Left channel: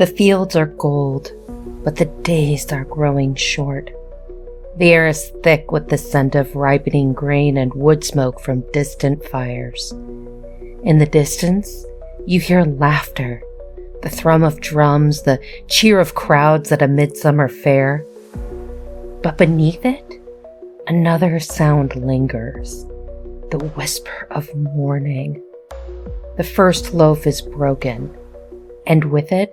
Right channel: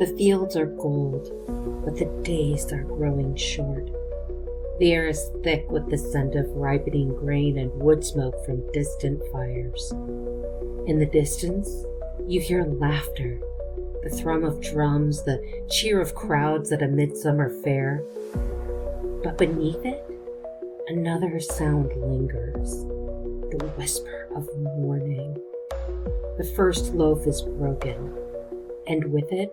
The fields are gold, but the days are growing short. The air is thick with the scent of ripening grain and wood smoke from distant fires. In the distance, you hear laughter, the thrum of drums, the cheer of crowds at a midsummer fair. But beneath it, another sound lingers, the whisper of mourning. The first loaf is broken, and with it,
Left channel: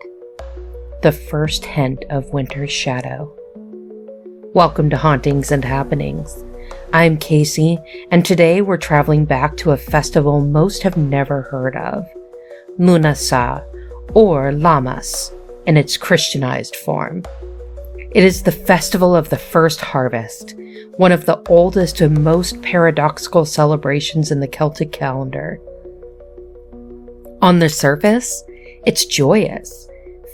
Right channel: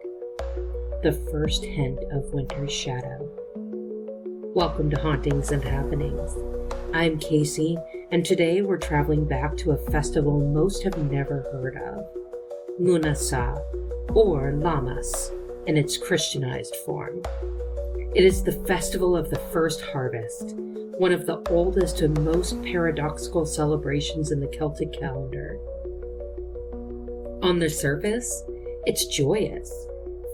the first hint of winter's shadow. Welcome to Hauntings and Happenings. I'm Casey, and today we're traveling back to a festival most have never heard of, Lughnasadh, or Lammas, in its Christianized form. It is the festival of the first harvest, one of the oldest and most paradoxical celebrations in the Celtic calendar. On the surface, it's joyous.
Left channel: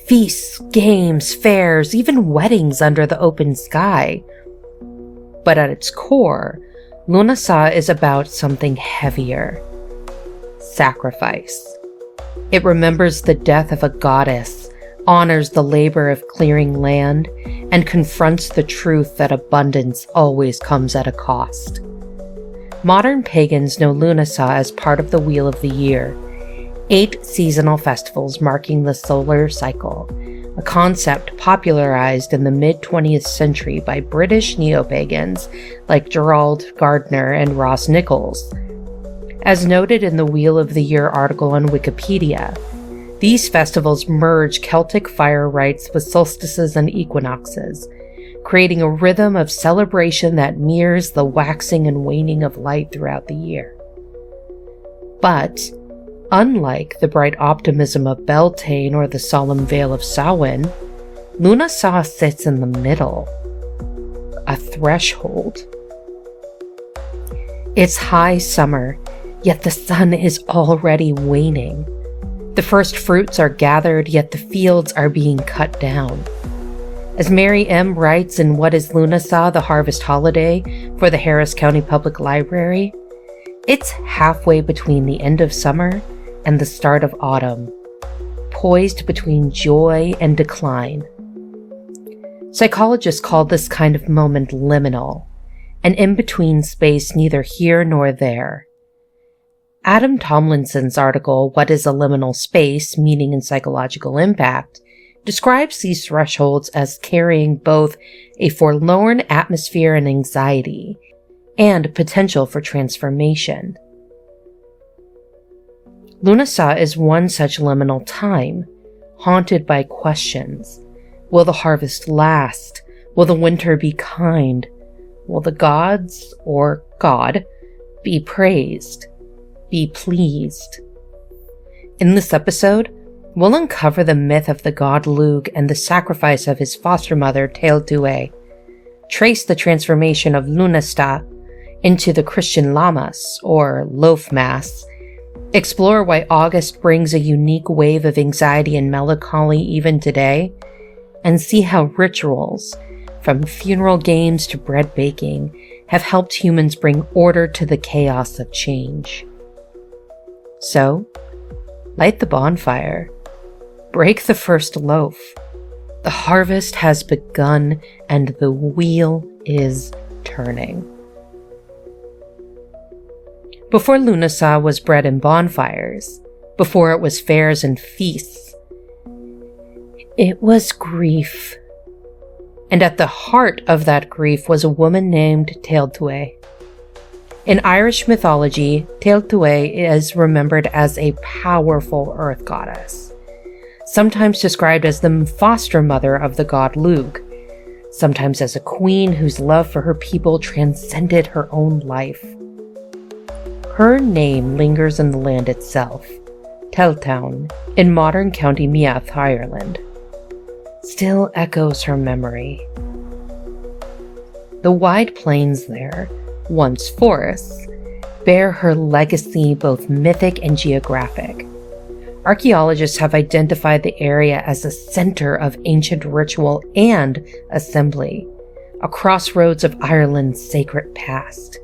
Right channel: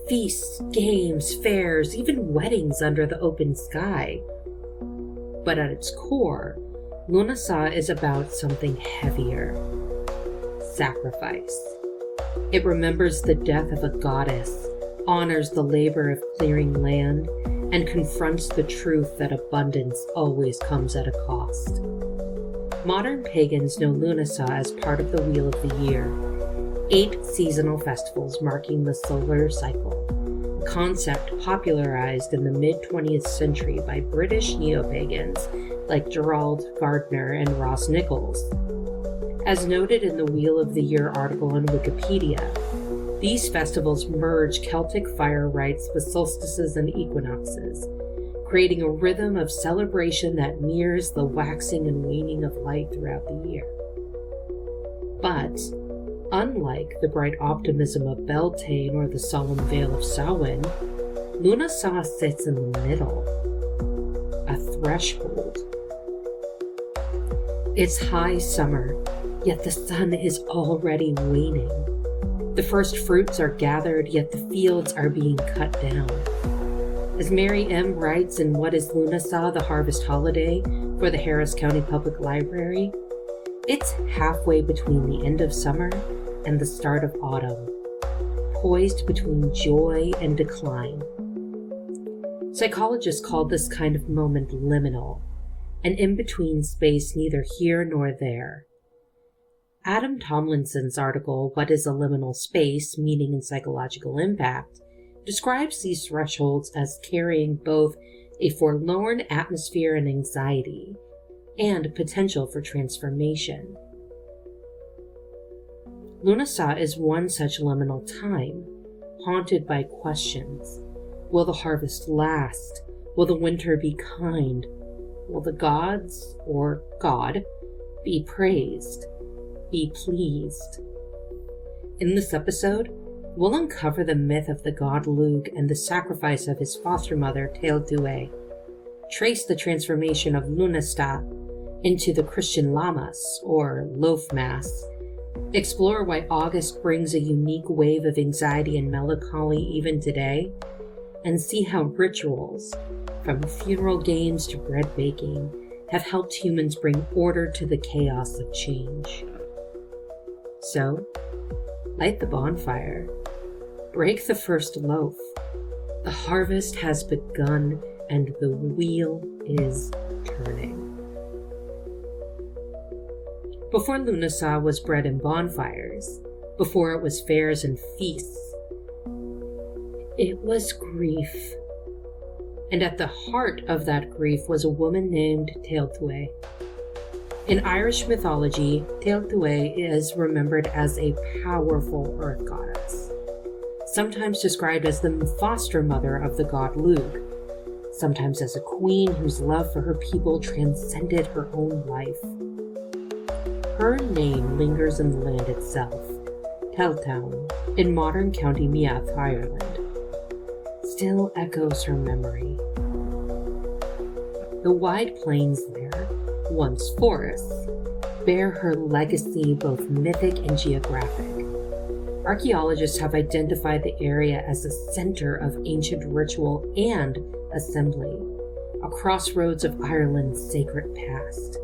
Feasts, games, fairs, even weddings under the open sky. But at its core, Lughnasadh is about something heavier. Sacrifice. It remembers the death of a goddess, honors the labor of clearing land, and confronts the truth that abundance always comes at a cost. Modern pagans know Lughnasadh as part of the Wheel of the Year, 8 seasonal festivals marking the solar cycle, a concept popularized in the mid-20th century by British neo-pagans like Gerald Gardner and Ross Nichols. As noted in the Wheel of the Year article on Wikipedia, these festivals merge Celtic fire rites with solstices and equinoxes, creating a rhythm of celebration that mirrors the waxing and waning of light throughout the year. But unlike the bright optimism of Beltane or the solemn Vale of Samhain, Lughnasadh sits in the middle, a threshold. It's high summer, yet the sun is already waning. The first fruits are gathered, yet the fields are being cut down. As Mary M. writes in What is Lughnasadh, the Harvest Holiday for the Harris County Public Library, it's halfway between the end of summer and the start of autumn, poised between joy and decline. Psychologists call this kind of moment liminal, an in-between space neither here nor there. Adam Tomlinson's article, What is a Liminal Space? Meaning and Psychological Impact, describes these thresholds as carrying both a forlorn atmosphere and anxiety, and potential for transformation. Lughnasadh is one such liminal time, haunted by questions. Will the harvest last? Will the winter be kind? Will the gods, or God, be praised? Be pleased? In this episode, we'll uncover the myth of the god Lugh and the sacrifice of his foster mother Tailtiu, trace the transformation of Lughnasadh into the Christian Lammas, or Loaf Mass, explore why August brings a unique wave of anxiety and melancholy even today, and see how rituals, from funeral games to bread baking, have helped humans bring order to the chaos of change. So, light the bonfire, break the first loaf. The harvest has begun and the wheel is turning. Before Lughnasadh was bread and bonfires, before it was fairs and feasts, it was grief. And at the heart of that grief was a woman named Tailtiu. In Irish mythology, Tailtiu is remembered as a powerful earth goddess, sometimes described as the foster mother of the god Lugh, sometimes as a queen whose love for her people transcended her own life. Her name lingers in the land itself, Tailtiu, in modern County Meath, Ireland. Still echoes her memory. The wide plains there, once forests, bear her legacy both mythic and geographic. Archaeologists have identified the area as a center of ancient ritual and assembly, a crossroads of Ireland's sacred past.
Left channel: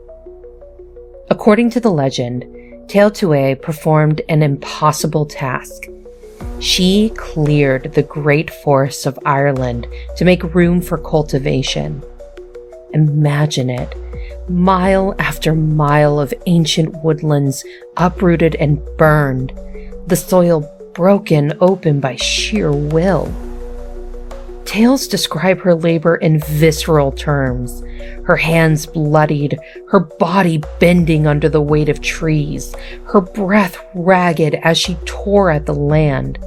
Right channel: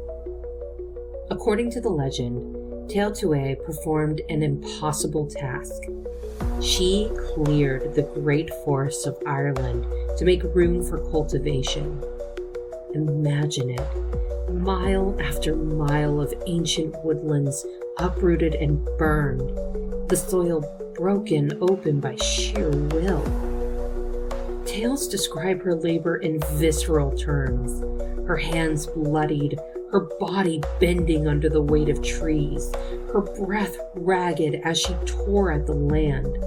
According to the legend, Tailtiu performed an impossible task, She cleared the great forests of Ireland to make room for cultivation. Imagine it, mile after mile of ancient woodlands uprooted and burned, the soil broken open by sheer will. Tales describe her labor in visceral terms, her hands bloodied, her body bending under the weight of trees, her breath ragged as she tore at the land.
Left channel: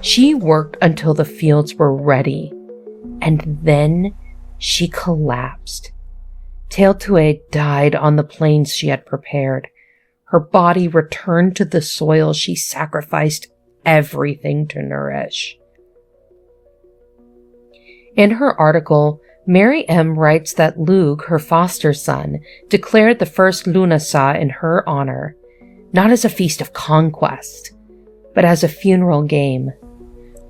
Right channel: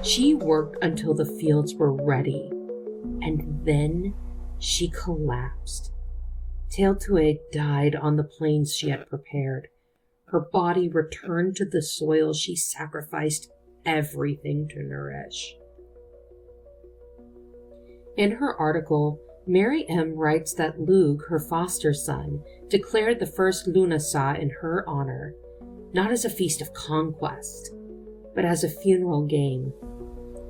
She worked until the fields were ready, and then she collapsed. Tailtiu died on the plains she had prepared. Her body returned to the soil she sacrificed everything to nourish. In her article, Mary M. writes that Lugh, her foster son, declared the first Lughnasadh in her honor, not as a feast of conquest, but as a funeral game,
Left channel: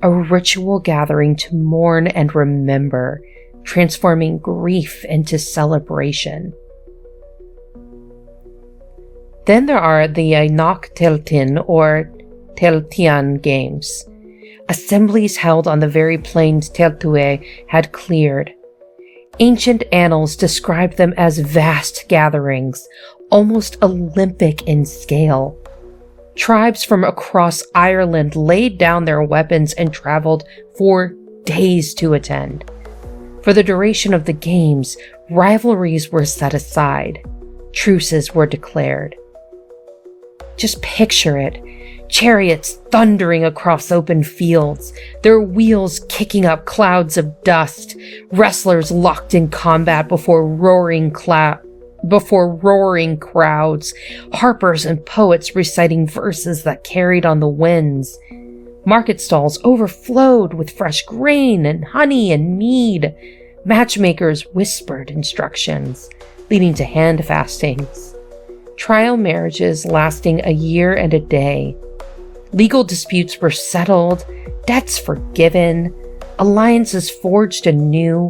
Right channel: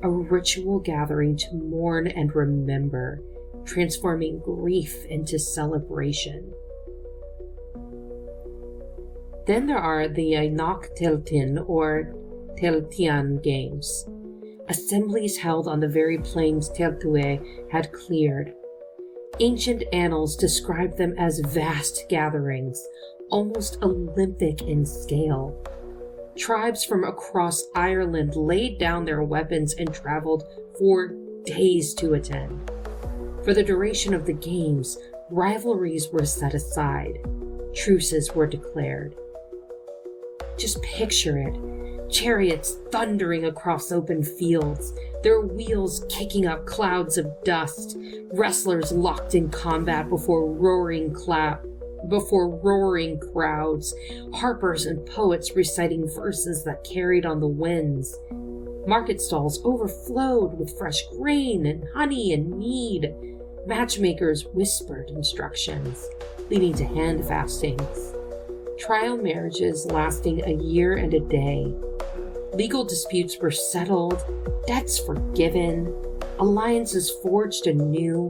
a ritual gathering to mourn and remember, transforming grief into celebration. Then there are the Ainach Tailtin or Tailtian games, assemblies held on the very plains Tailtiu had cleared. Ancient annals describe them as vast gatherings, almost Olympic in scale. Tribes from across Ireland laid down their weapons and traveled for days to attend. For the duration of the games, rivalries were set aside. Truces were declared. Just picture it. Chariots thundering across open fields, their wheels kicking up clouds of dust, wrestlers locked in combat before roaring crowds, harpers and poets reciting verses that carried on the winds. Market stalls overflowed with fresh grain and honey and mead. Matchmakers whispered instructions, leading to hand fastings. Trial marriages lasting a year and a day. Legal disputes were settled, debts forgiven, alliances forged anew.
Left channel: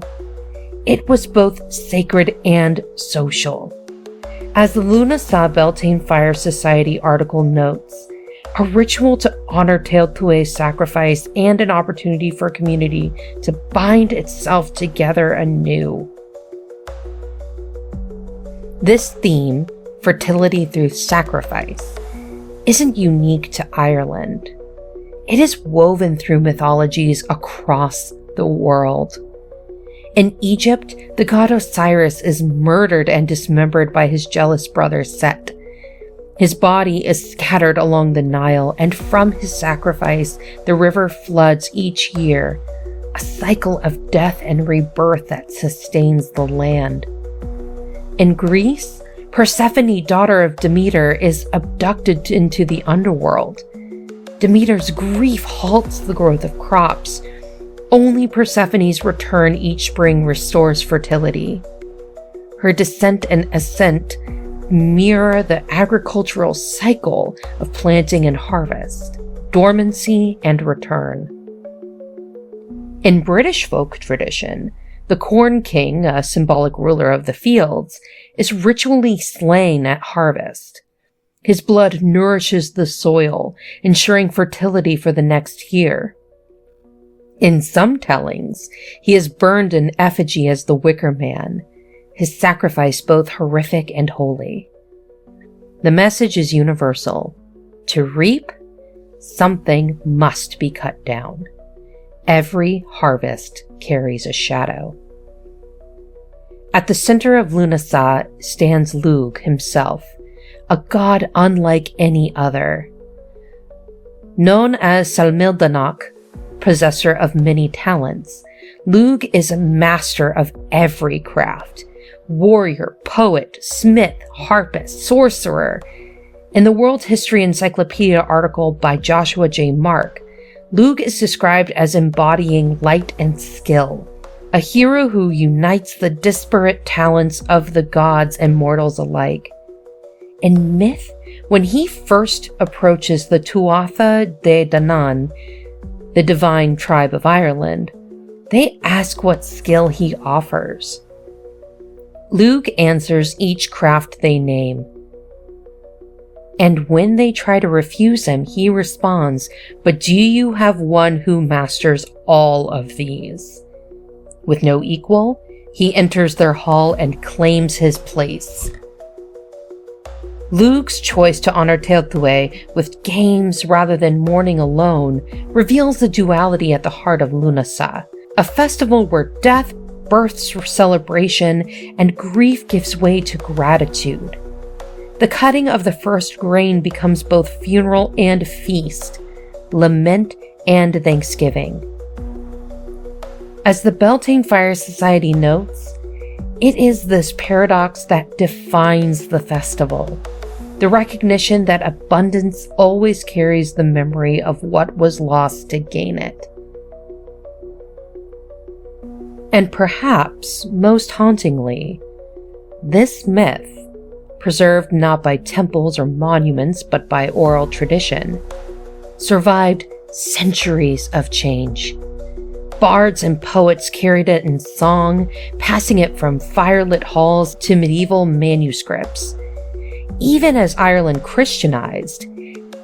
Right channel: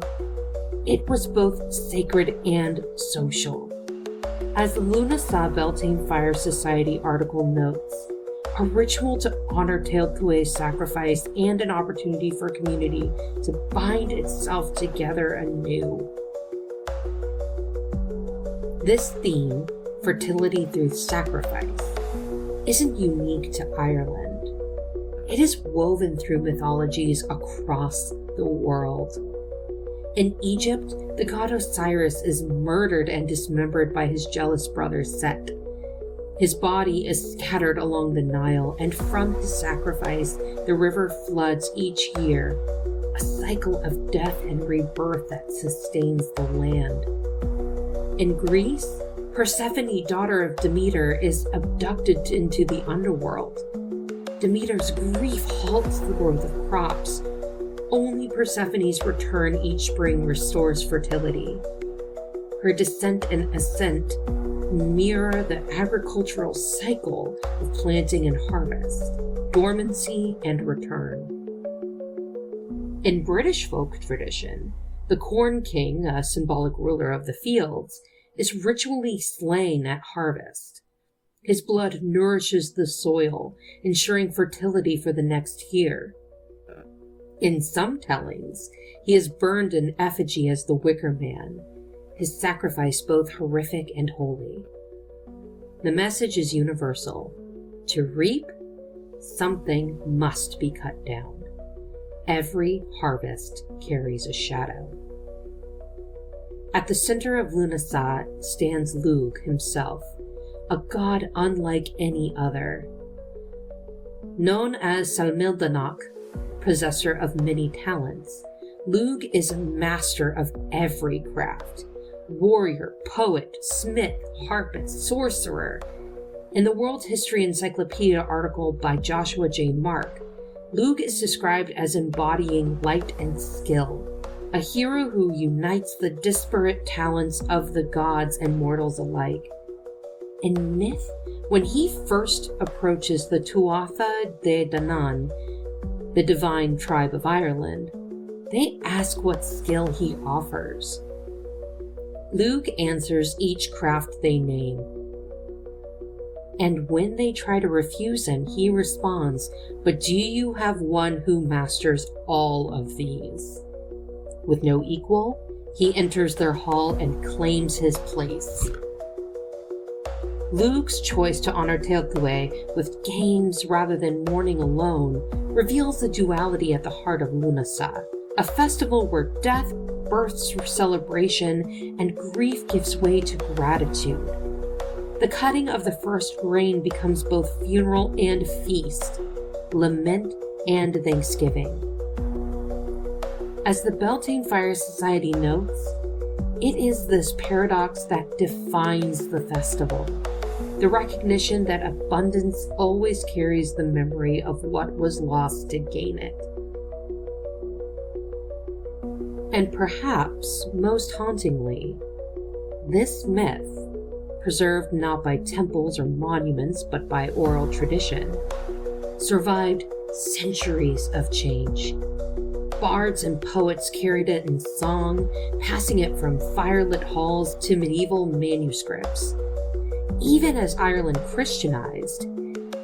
It was both sacred and social. As the Lughnasadh Beltane Fire Society article notes, a ritual to honor Tailtiu's sacrifice and an opportunity for community to bind itself together anew. This theme, fertility through sacrifice, isn't unique to Ireland. It is woven through mythologies across the world. In Egypt, the god Osiris is murdered and dismembered by his jealous brother Set. His body is scattered along the Nile, and from his sacrifice, the river floods each year, a cycle of death and rebirth that sustains the land. In Greece, Persephone, daughter of Demeter, is abducted into the underworld. Demeter's grief halts the growth of crops. Only Persephone's return each spring restores fertility. Her descent and ascent mirror the agricultural cycle of planting and harvest, dormancy and return. In British folk tradition, the Corn King, a symbolic ruler of the fields, is ritually slain at harvest. His blood nourishes the soil, ensuring fertility for the next year. In some tellings, he is burned in effigy as the Wicker Man, his sacrifice both horrific and holy. The message is universal. To reap, something must be cut down. Every harvest carries a shadow. At the center of Lughnasadh stands Lugh himself, a god unlike any other. Known as Salmildanach, possessor of many talents, Lugh is a master of every craft. Warrior, poet, smith, harpist, sorcerer. In the World History Encyclopedia article by Joshua J. Mark, Lugh is described as embodying light and skill, a hero who unites the disparate talents of the gods and mortals alike. In myth, when he first approaches the Tuatha De Danann, the divine tribe of Ireland, they ask what skill he offers. Lugh answers each craft they name. And when they try to refuse him, he responds, "But do you have one who masters all of these?" With no equal, he enters their hall and claims his place. Lugh's choice to honor Tailtiu with games rather than mourning alone reveals the duality at the heart of Lughnasadh, a festival where death births celebration and grief gives way to gratitude. The cutting of the first grain becomes both funeral and feast, lament and thanksgiving. As the Beltane Fire Society notes, it is this paradox that defines the festival. The recognition that abundance always carries the memory of what was lost to gain it. And perhaps, most hauntingly, this myth, preserved not by temples or monuments but by oral tradition, survived centuries of change. Bards and poets carried it in song, passing it from firelit halls to medieval manuscripts. Even as Ireland Christianized,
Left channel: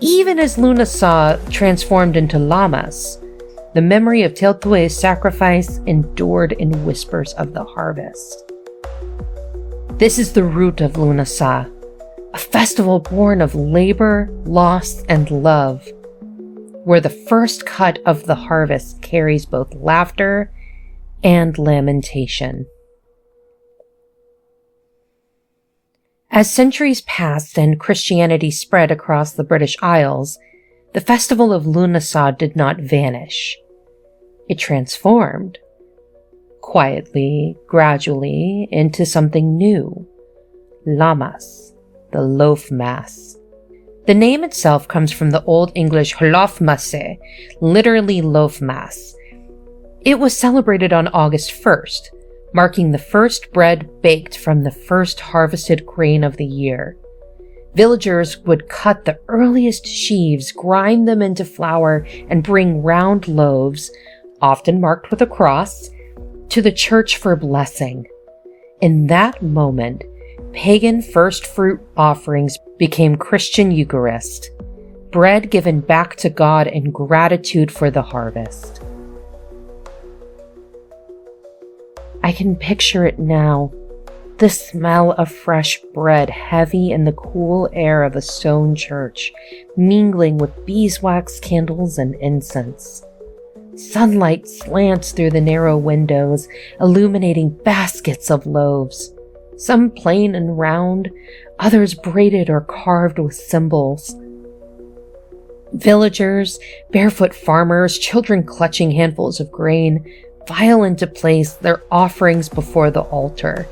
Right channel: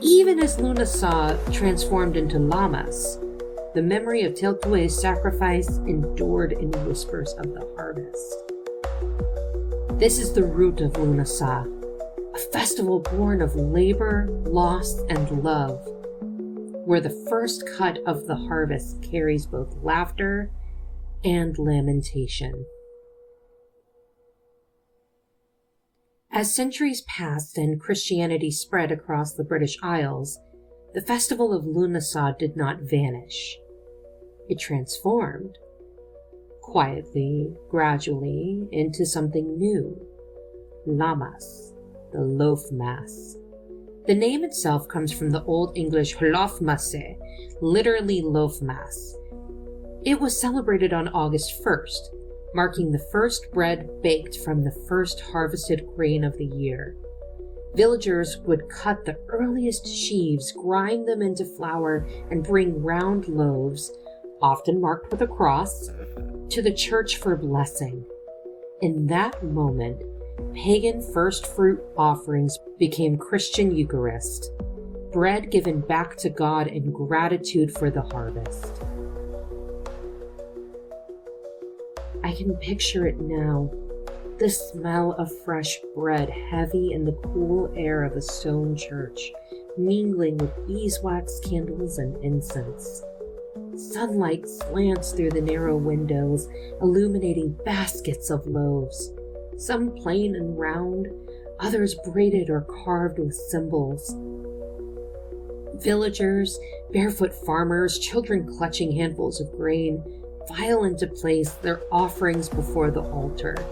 even as Lughnasadh transformed into Lammas, the memory of Tailtiu's sacrifice endured in whispers of the harvest. This is the root of Lughnasadh, a festival born of labor, loss, and love, where the first cut of the harvest carries both laughter and lamentation. As centuries passed and Christianity spread across the British Isles, the festival of Lughnasadh did not vanish. It transformed, quietly, gradually, into something new. Lammas, the Loaf Mass. The name itself comes from the Old English Lughnasadh, literally loaf mass. It was celebrated on August 1st, marking the first bread baked from the first harvested grain of the year. Villagers would cut the earliest sheaves, grind them into flour, and bring round loaves, often marked with a cross, to the church for blessing. In that moment, pagan first fruit offerings became Christian Eucharist, bread given back to God in gratitude for the harvest. I can picture it now, the smell of fresh bread heavy in the cool air of a stone church, mingling with beeswax candles and incense. Sunlight slants through the narrow windows, illuminating baskets of loaves, some plain and round, others braided or carved with symbols. Villagers, barefoot farmers, children clutching handfuls of grain, file into place their offerings before the altar.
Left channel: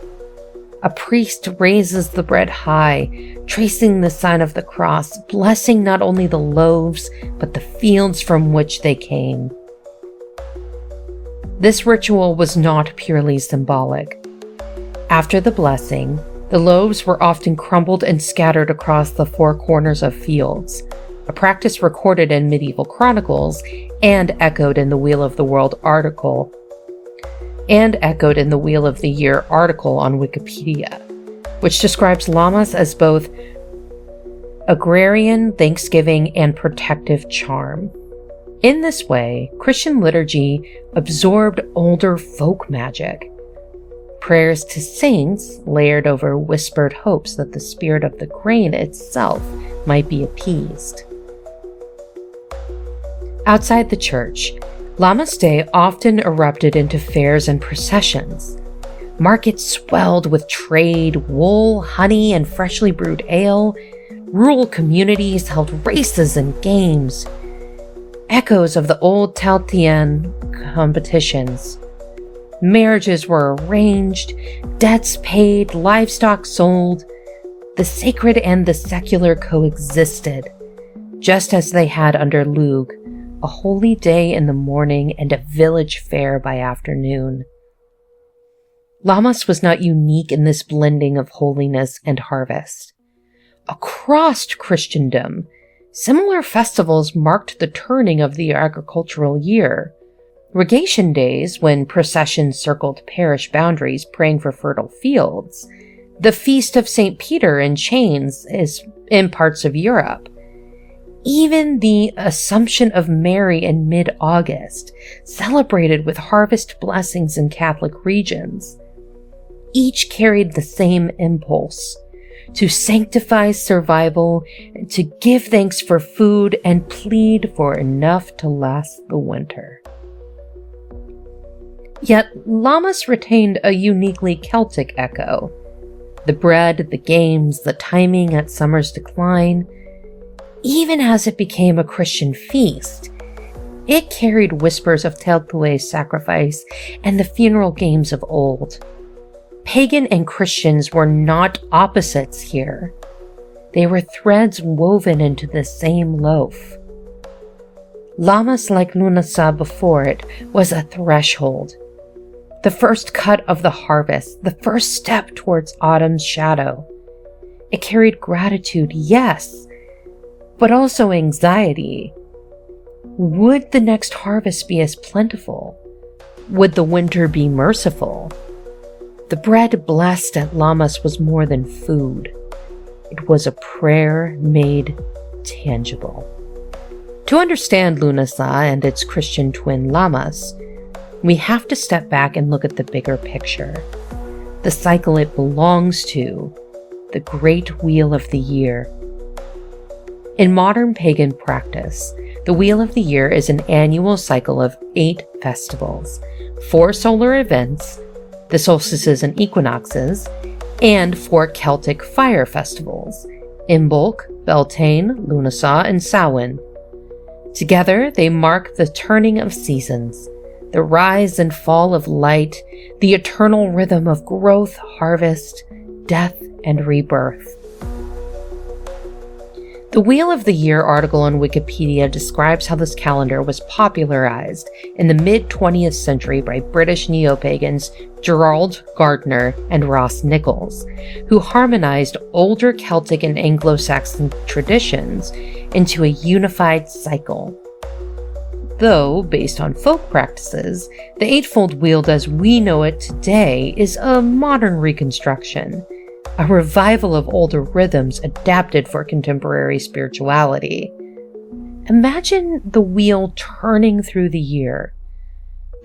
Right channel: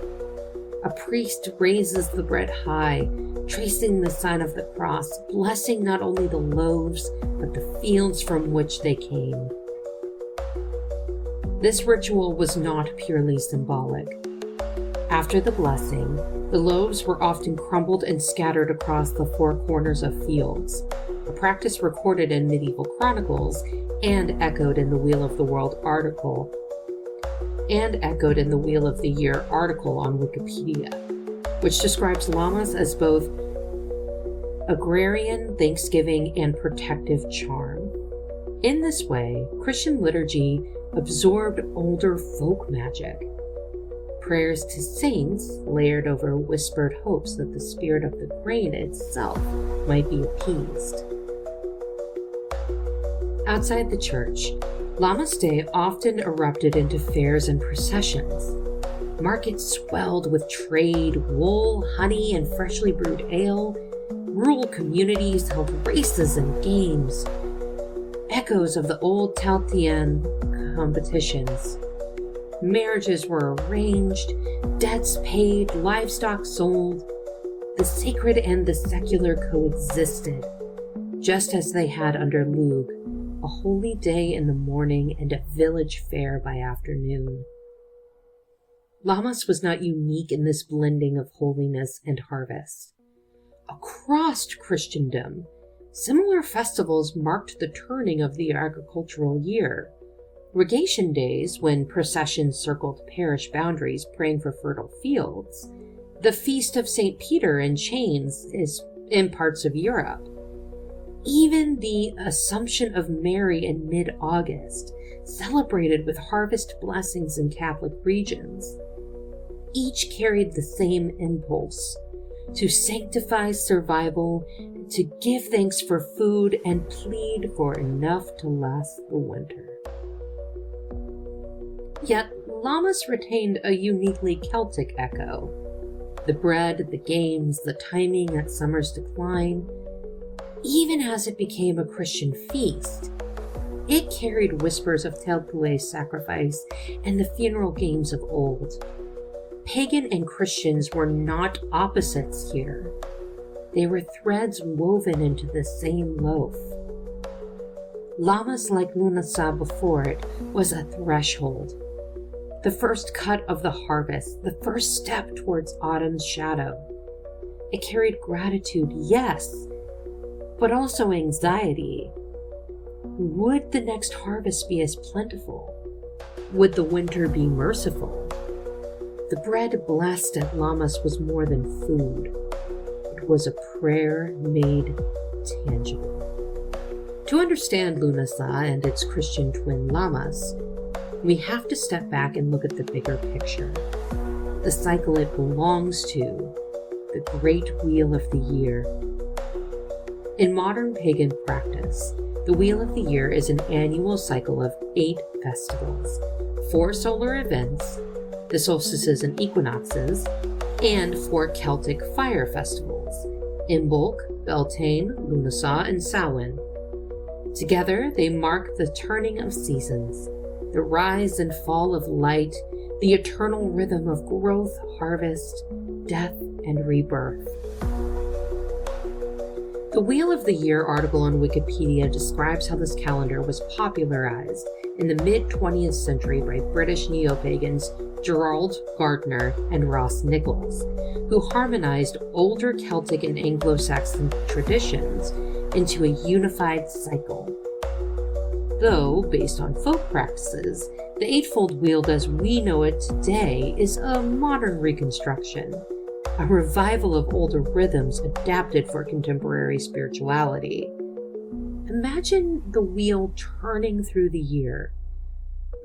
A priest raises the bread high, tracing the sign of the cross, blessing not only the loaves, but the fields from which they came. This ritual was not purely symbolic. After the blessing, the loaves were often crumbled and scattered across the four corners of fields, a practice recorded in medieval chronicles and echoed in the Wheel of the Year article on Wikipedia, which describes Lammas as both agrarian, thanksgiving, and protective charm. In this way, Christian liturgy absorbed older folk magic. Prayers to saints layered over whispered hopes that the spirit of the grain itself might be appeased. Outside the church, Lammas Day often erupted into fairs and processions. Markets swelled with trade, wool, honey, and freshly brewed ale. Rural communities held races and games. Echoes of the old Tailtiu competitions. Marriages were arranged, debts paid, livestock sold. The sacred and the secular coexisted, just as they had under Lugh, a holy day in the morning and a village fair by afternoon. Lammas was not unique in this blending of holiness and harvest. Across Christendom, similar festivals marked the turning of the agricultural year. Regation days, when processions circled parish boundaries praying for fertile fields. The Feast of St. Peter in Chains is in parts of Europe. Even the Assumption of Mary in mid-August, celebrated with harvest blessings in Catholic regions, each carried the same impulse: to sanctify survival, to give thanks for food, and plead for enough to last the winter. Yet Lammas retained a uniquely Celtic echo. The bread, the games, the timing at summer's decline. Even as it became a Christian feast, it carried whispers of Tailtiu's sacrifice and the funeral games of old. Pagan and Christians were not opposites here. They were threads woven into the same loaf. Lammas, like Lughnasadh before it, was a threshold. The first cut of the harvest, the first step towards autumn's shadow. It carried gratitude, yes, but also anxiety. Would the next harvest be as plentiful? Would the winter be merciful? The bread blessed at Lammas was more than food. It was a prayer made tangible. To understand Lughnasadh and its Christian twin Lammas, we have to step back and look at the bigger picture, the cycle it belongs to, the great wheel of the year. In modern pagan practice, the Wheel of the Year is an annual cycle of 8 festivals, 4 solar events, the solstices and equinoxes, and 4 Celtic fire festivals, Imbolc, Beltane, Lughnasadh, and Samhain. Together, they mark the turning of seasons, the rise and fall of light, the eternal rhythm of growth, harvest, death, and rebirth. The Wheel of the Year article on Wikipedia describes how this calendar was popularized in the mid-20th century by British neo-pagans Gerald Gardner and Ross Nichols, who harmonized older Celtic and Anglo-Saxon traditions into a unified cycle. Though, based on folk practices, the eightfold wheel as we know it today is a modern reconstruction, a revival of older rhythms adapted for contemporary spirituality. Imagine the wheel turning through the year.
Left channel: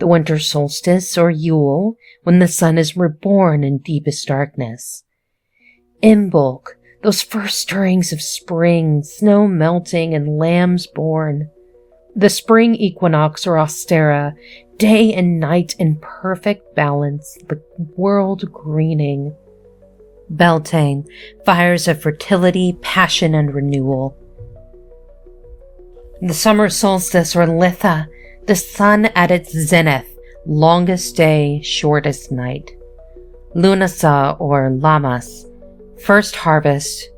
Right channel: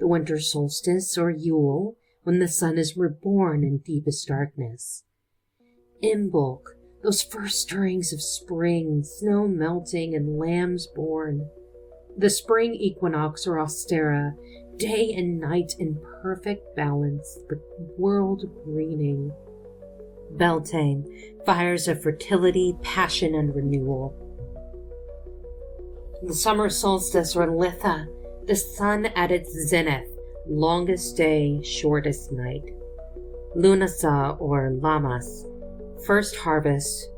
The winter solstice or Yule, when the sun is reborn in deepest darkness. Imbolc, those first stirrings of spring, snow melting and lambs born. The spring equinox or Ostera, day and night in perfect balance, the world greening. Beltane, fires of fertility, passion, and renewal. The summer solstice or Litha, the sun at its zenith, longest day, shortest night. Lughnasadh or Lammas, first harvest,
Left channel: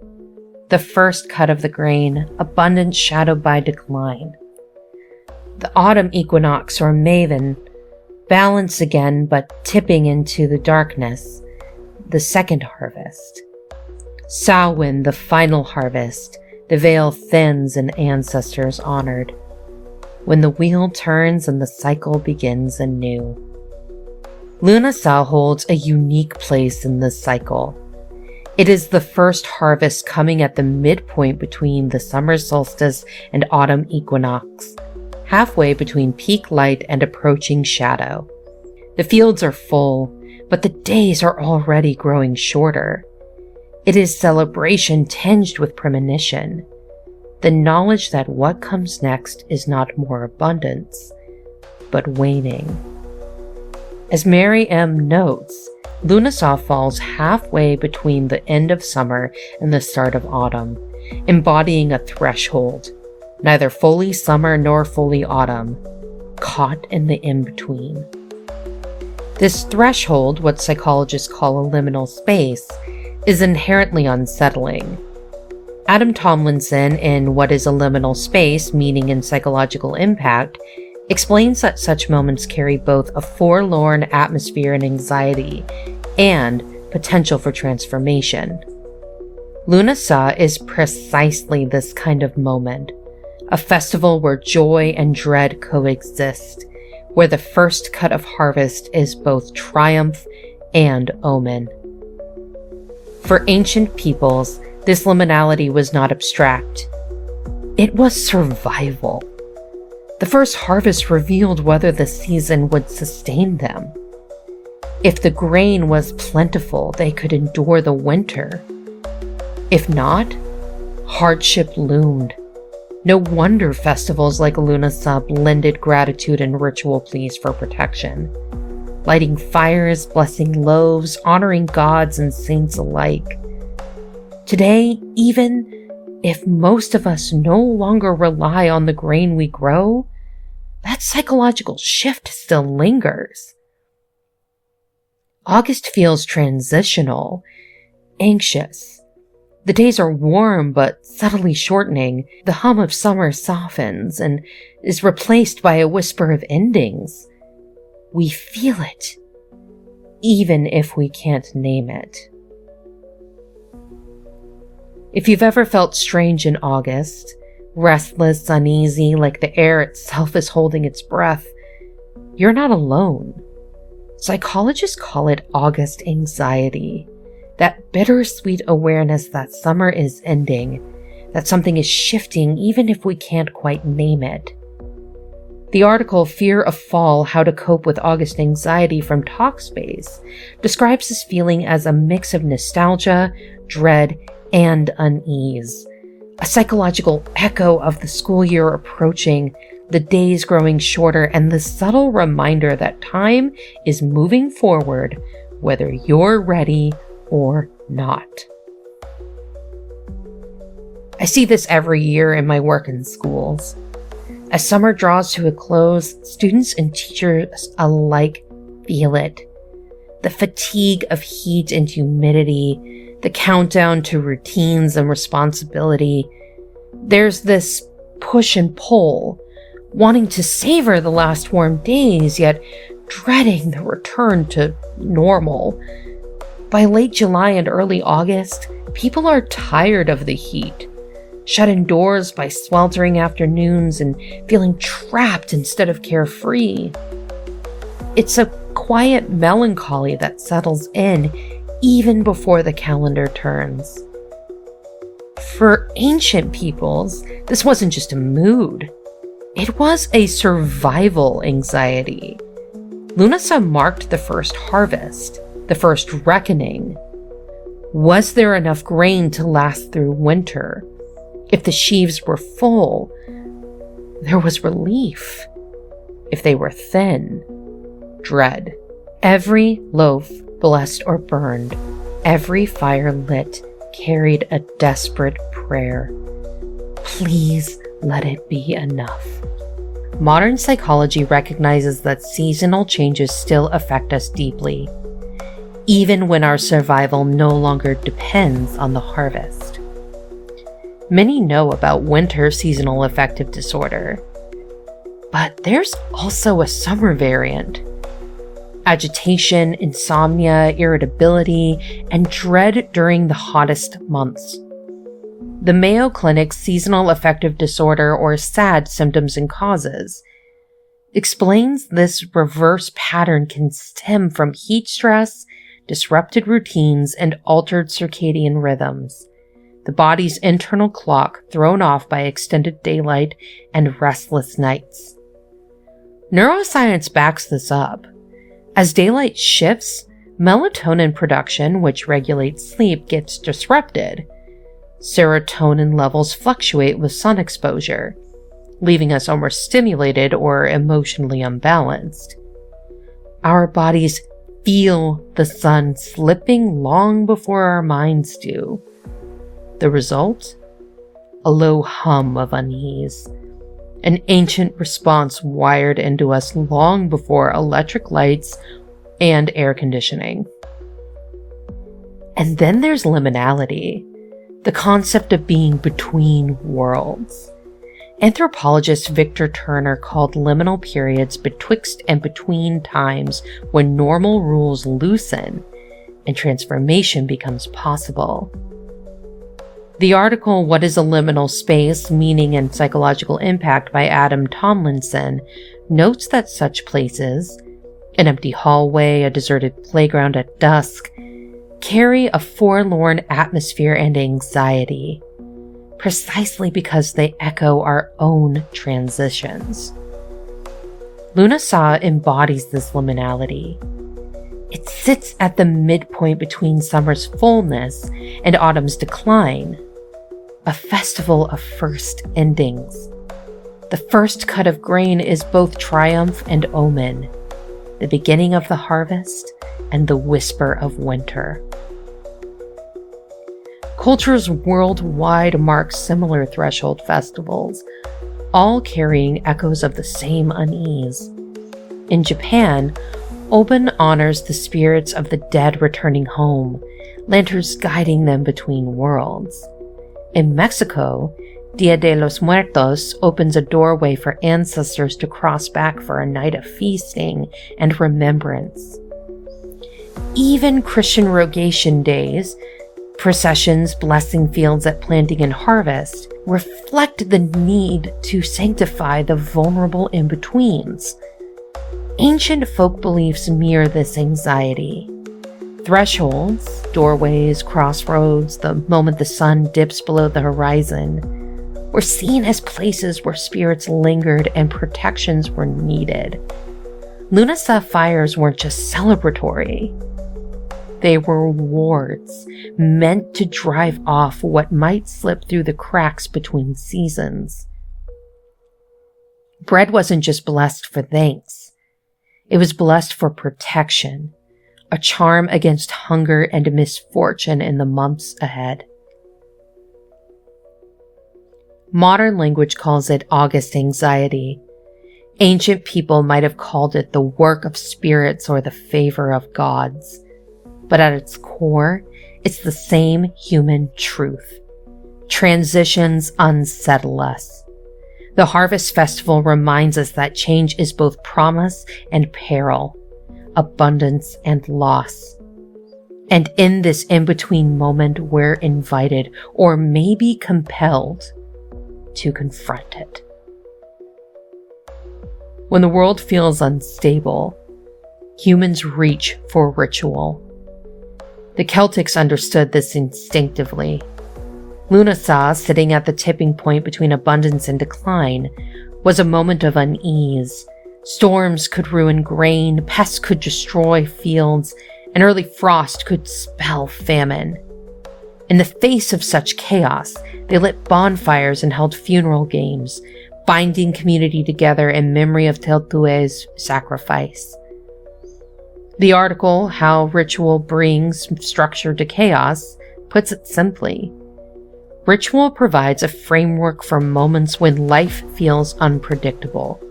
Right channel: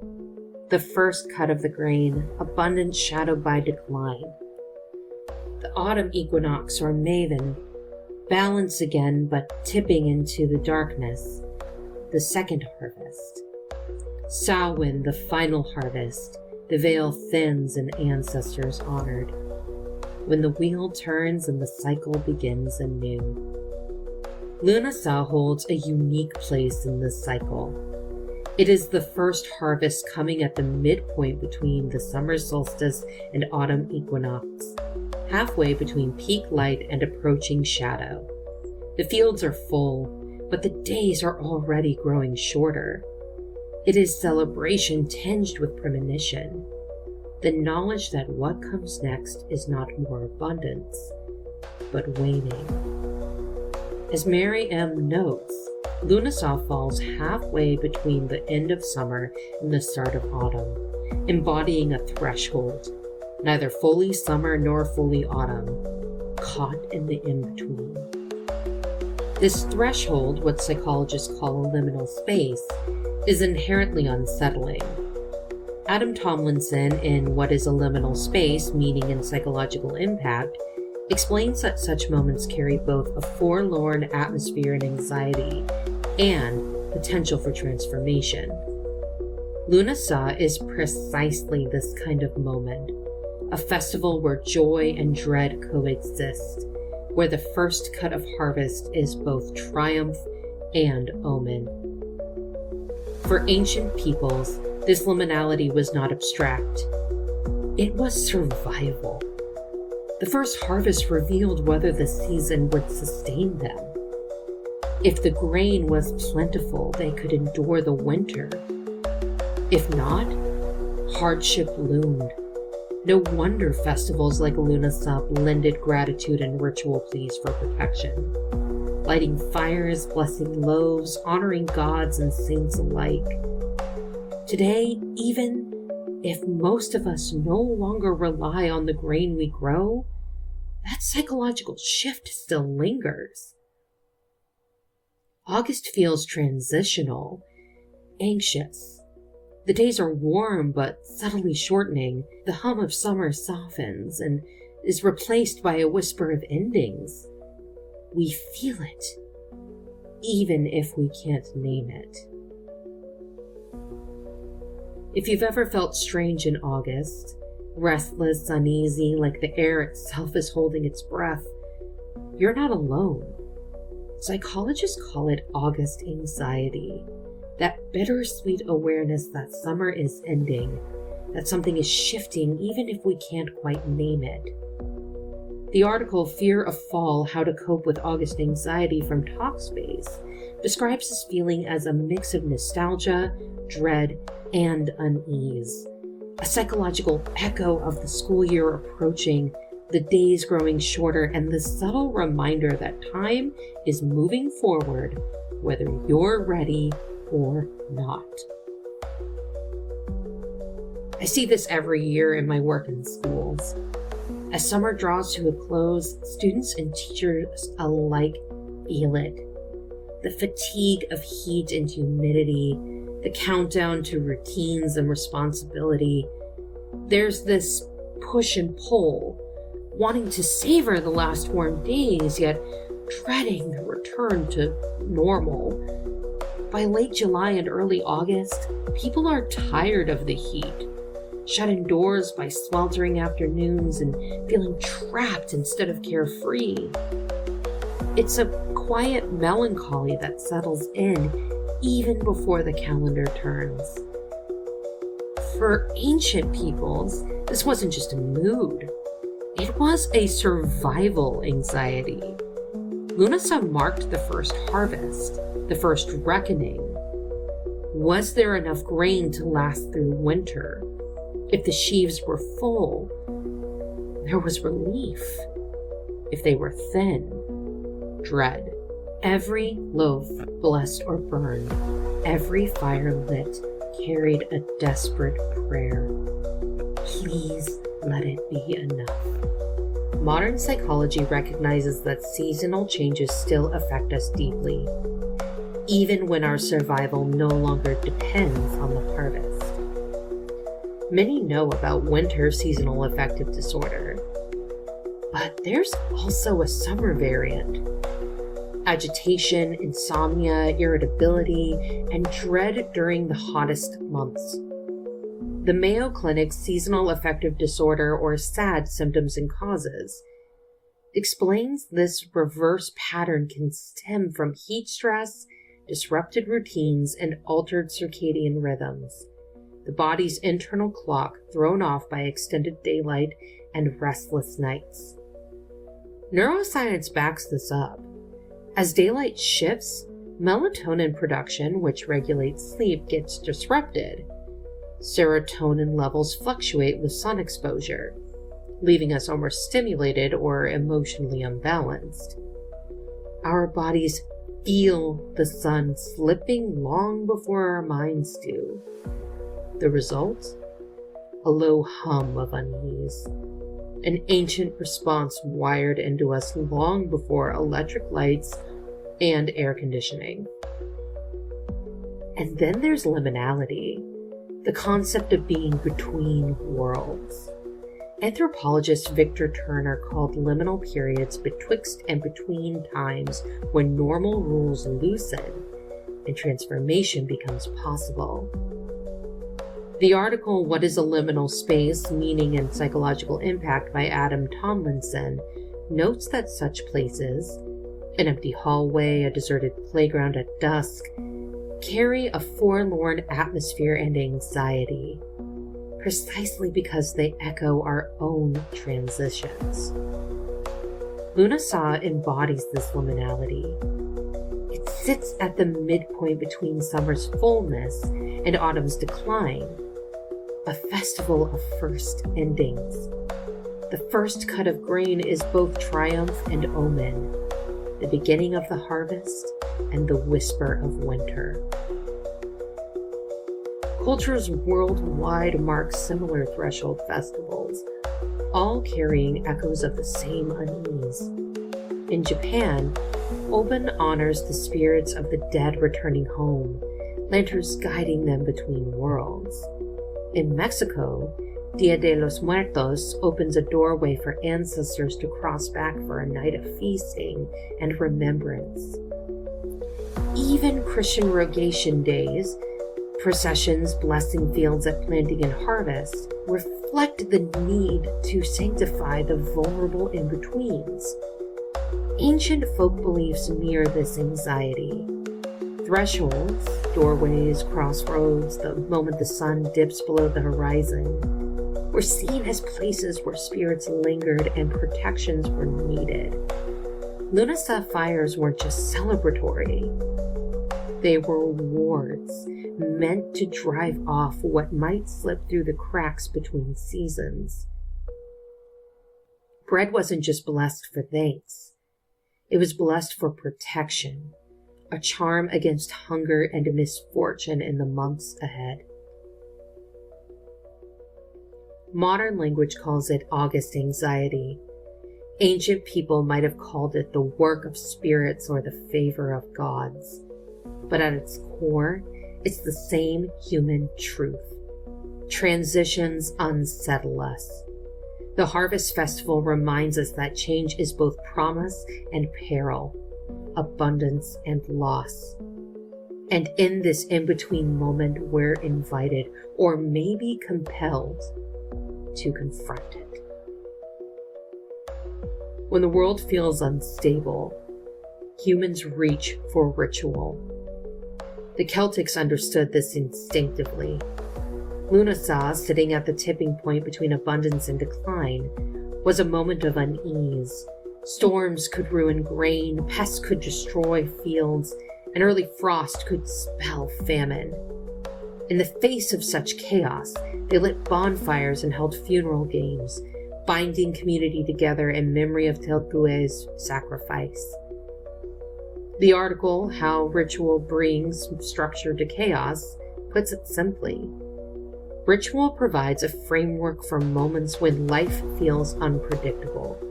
the first cut of the grain, abundant shadowed by decline. The autumn equinox or Maven, balance again but tipping into the darkness, the second harvest. Samhain, the final harvest, the veil thins and ancestors honored. When the wheel turns and the cycle begins anew. Lughnasadh holds a unique place in this cycle. It is the first harvest coming at the midpoint between the summer solstice and autumn equinox, halfway between peak light and approaching shadow. The fields are full, but the days are already growing shorter. It is celebration tinged with premonition, the knowledge that what comes next is not more abundance, but waning. As Mary M. notes, Lughnasadh falls halfway between the end of summer and the start of autumn, embodying a threshold, neither fully summer nor fully autumn, caught in the in-between. This threshold, what psychologists call a liminal space, is inherently unsettling. Adam Tomlinson, in What is a Liminal Space? Meaning and Psychological Impact, explains that such moments carry both a forlorn atmosphere and anxiety, and potential for transformation. Lughnasadh is precisely this kind of moment, a festival where joy and dread coexist, where the first cut of harvest is both triumph and omen. For ancient peoples, This liminality was not abstract. It was survival. The first harvest revealed whether the season would sustain them. If the grain was plentiful, they could endure the winter. If not, hardship loomed. No wonder festivals like Lughnasadh blended gratitude and ritual pleas for protection, lighting fires, blessing loaves, honoring gods and saints alike. Today, even if most of us no longer rely on the grain we grow, that psychological shift still lingers. August feels transitional, anxious. The days are warm but subtly shortening. The hum of summer softens and is replaced by a whisper of endings. We feel it, even if we can't name it. If you've ever felt strange in August, restless, uneasy, like the air itself is holding its breath, you're not alone. Psychologists call it August anxiety. That bittersweet awareness that summer is ending, that something is shifting even if we can't quite name it. The article Fear of Fall, How to Cope with August Anxiety from Talkspace describes this feeling as a mix of nostalgia, dread, and unease. A psychological echo of the school year approaching, the days growing shorter, and the subtle reminder that time is moving forward, whether you're ready or not. I see this every year in my work in schools. As summer draws to a close, students and teachers alike feel it. The fatigue of heat and humidity, the countdown to routines and responsibility. There's this push and pull, wanting to savor the last warm days, yet dreading the return to normal. By late July and early August, people are tired of the heat, shut indoors by sweltering afternoons and feeling trapped instead of carefree. It's a quiet melancholy that settles in even before the calendar turns. For ancient peoples, this wasn't just a mood. It was a survival anxiety. Lughnasadh marked the first harvest, the first reckoning. Was there enough grain to last through winter? If the sheaves were full, there was relief. If they were thin, dread. Every loaf blessed or burned, every fire lit, carried a desperate prayer. Please let it be enough. Modern psychology recognizes that seasonal changes still affect us deeply, even when our survival no longer depends on the harvest. Many know about winter seasonal affective disorder, but there's also a summer variant. Agitation, insomnia, irritability, and dread during the hottest months. The Mayo Clinic's Seasonal Affective Disorder, or SAD, Symptoms and Causes explains this reverse pattern can stem from heat stress, disrupted routines, and altered circadian rhythms, the body's internal clock thrown off by extended daylight and restless nights. Neuroscience backs this up. As daylight shifts, melatonin production, which regulates sleep, gets disrupted. Serotonin levels fluctuate with sun exposure, leaving us overstimulated or emotionally unbalanced. Our bodies feel the sun slipping long before our minds do. The result? A low hum of unease, an ancient response wired into us long before electric lights and air conditioning. And then there's liminality, the concept of being between worlds. Anthropologist Victor Turner called liminal periods betwixt and between times when normal rules loosen and transformation becomes possible. The article, What is a Liminal Space? Meaning and Psychological Impact by Adam Tomlinson, notes that such places, an empty hallway, a deserted playground at dusk, carry a forlorn atmosphere and anxiety, precisely because they echo our own transitions. Lughnasadh embodies this liminality. It sits at the midpoint between summer's fullness and autumn's decline, a festival of first endings. The first cut of grain is both triumph and omen, the beginning of the harvest and the whisper of winter. Cultures worldwide mark similar threshold festivals, all carrying echoes of the same unease. In Japan, Obon honors the spirits of the dead returning home, lanterns guiding them between worlds. In Mexico, Dia de los Muertos opens a doorway for ancestors to cross back for a night of feasting and remembrance. Even Christian Rogation days, processions blessing fields at planting and harvest, reflect the need to sanctify the vulnerable in-betweens. Ancient folk beliefs mirror this anxiety. Thresholds, doorways, crossroads, the moment the sun dips below the horizon, were seen as places where spirits lingered and protections were needed. Lughnasadh fires weren't just celebratory. They were wards, meant to drive off what might slip through the cracks between seasons. Bread wasn't just blessed for thanks. It was blessed for protection, a charm against hunger and misfortune in the months ahead. Modern language calls it August anxiety. Ancient people might have called it the work of spirits or the favor of gods. But at its core, it's the same human truth. Transitions unsettle us. The Harvest Festival reminds us that change is both promise and peril, abundance and loss. And in this in-between moment, we're invited, or maybe compelled, to confront it. When the world feels unstable, humans reach for ritual. The Celtics understood this instinctively. Lughnasadh, sitting at the tipping point between abundance and decline, was a moment of unease. Storms could ruin grain, pests could destroy fields, and early frost could spell famine. In the face of such chaos, they lit bonfires and held funeral games, binding community together in memory of Tailtiu's sacrifice. The article, How Ritual Brings Structure to Chaos, puts it simply. Ritual provides a framework for moments when life feels unpredictable.